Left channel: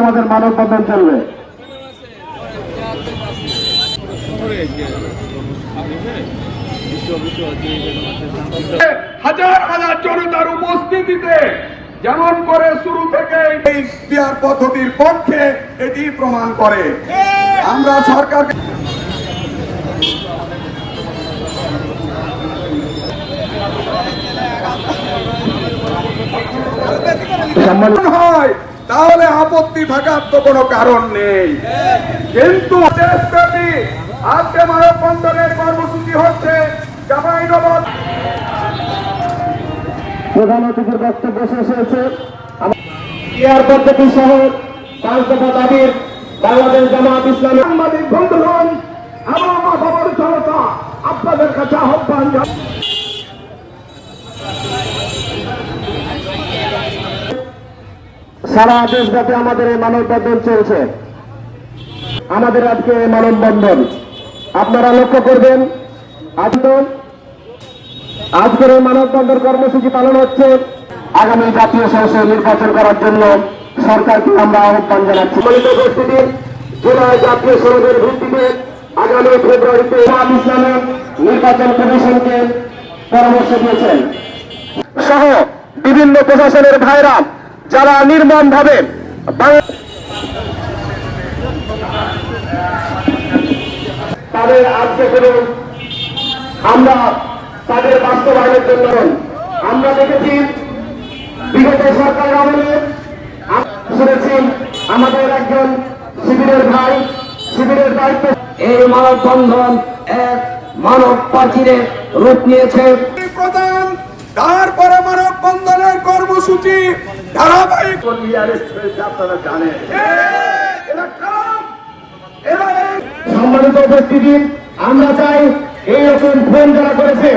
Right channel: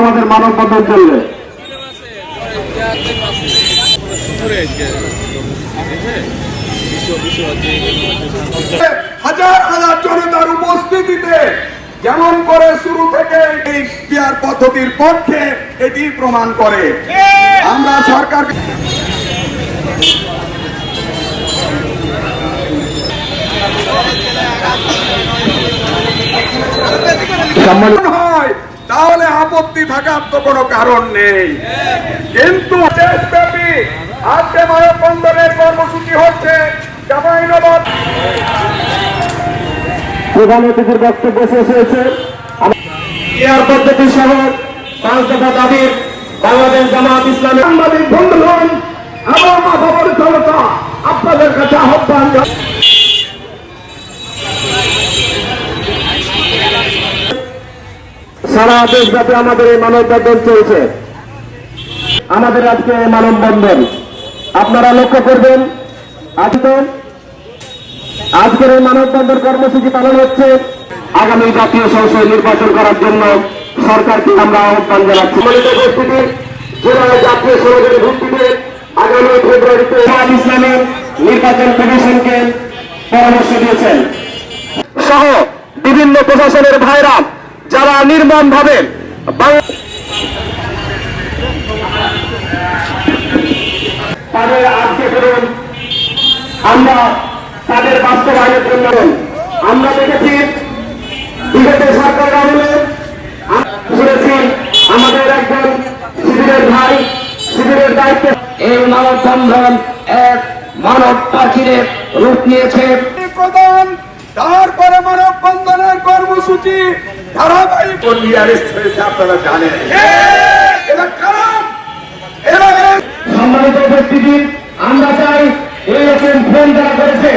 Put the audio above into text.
আমাদের মানববন্ধন চলবে। হাজার হাজার জনতার উপস্থিতিতে যেমন করে শুরু থেকে এই ইখতিয়ার পদ্ধতির পক্ষে এটি প্রমাণ করে। আমরা সরকার হয় তাহলে আপত্তি থাকার তো কোনো কারণ নেই, কিন্তু দেশব্যাপী আজকে মানববন্ধনের কর্মসূচি হচ্ছে চাঁপাইনবাবগঞ্জ। প্রধান অতিথির বক্তব্য শেষ হয়েছে। ইখতিয়ার পদ্ধতি সহ 5 দফা দাবির বাংলাদেশ জামাত ইসলামী সাংবাদিক বন্ধুগণ এবং খবর জনতা আপনাদের কাছে আহ্বান সারা দেশব্যাপী আমাদের এই মানববন্ধন চলছে। আমাদের আজকে মানববন্ধন আপনারা লক্ষ্য করবেন, আজকের এই মানববন্ধন কর্মসূচি পালন হচ্ছে আগামী জাতীয় সংসদ নির্বাচন করার জন্য সরকারকে আমরা আহ্বান জানাচ্ছি। উপস্থিতি জুলাই জাতীয় সংসদের ভিত্তিতে আগামী ফেব্রুয়ারিতে ইসলামী নির্বাচন কমিশনকে পরামর্শ দিয়েছেন সহ বিভিন্ন প্রশাসনের ভাইরা যারা নির্মম ভাবে তাদের আজকে করুন, আমরা তাদের বাস্তবায়নের জন্য আমরা দেখেছি বিগত সরকার আমলে শুনেছি আমাদের একজন শিবিরের ভাই শিবিরের দায়িত্বে এই মানববন্ধন এক মানব পাখিরের রূপ নিয়েছে। প্রধান তারপরে মানববন্ধনের কর্মসূচি ধারাবাহিক আপনারা জানেন। সম্মানিত উপস্থিতি, আমরা চাই এইরকম ফোন যারা করেছে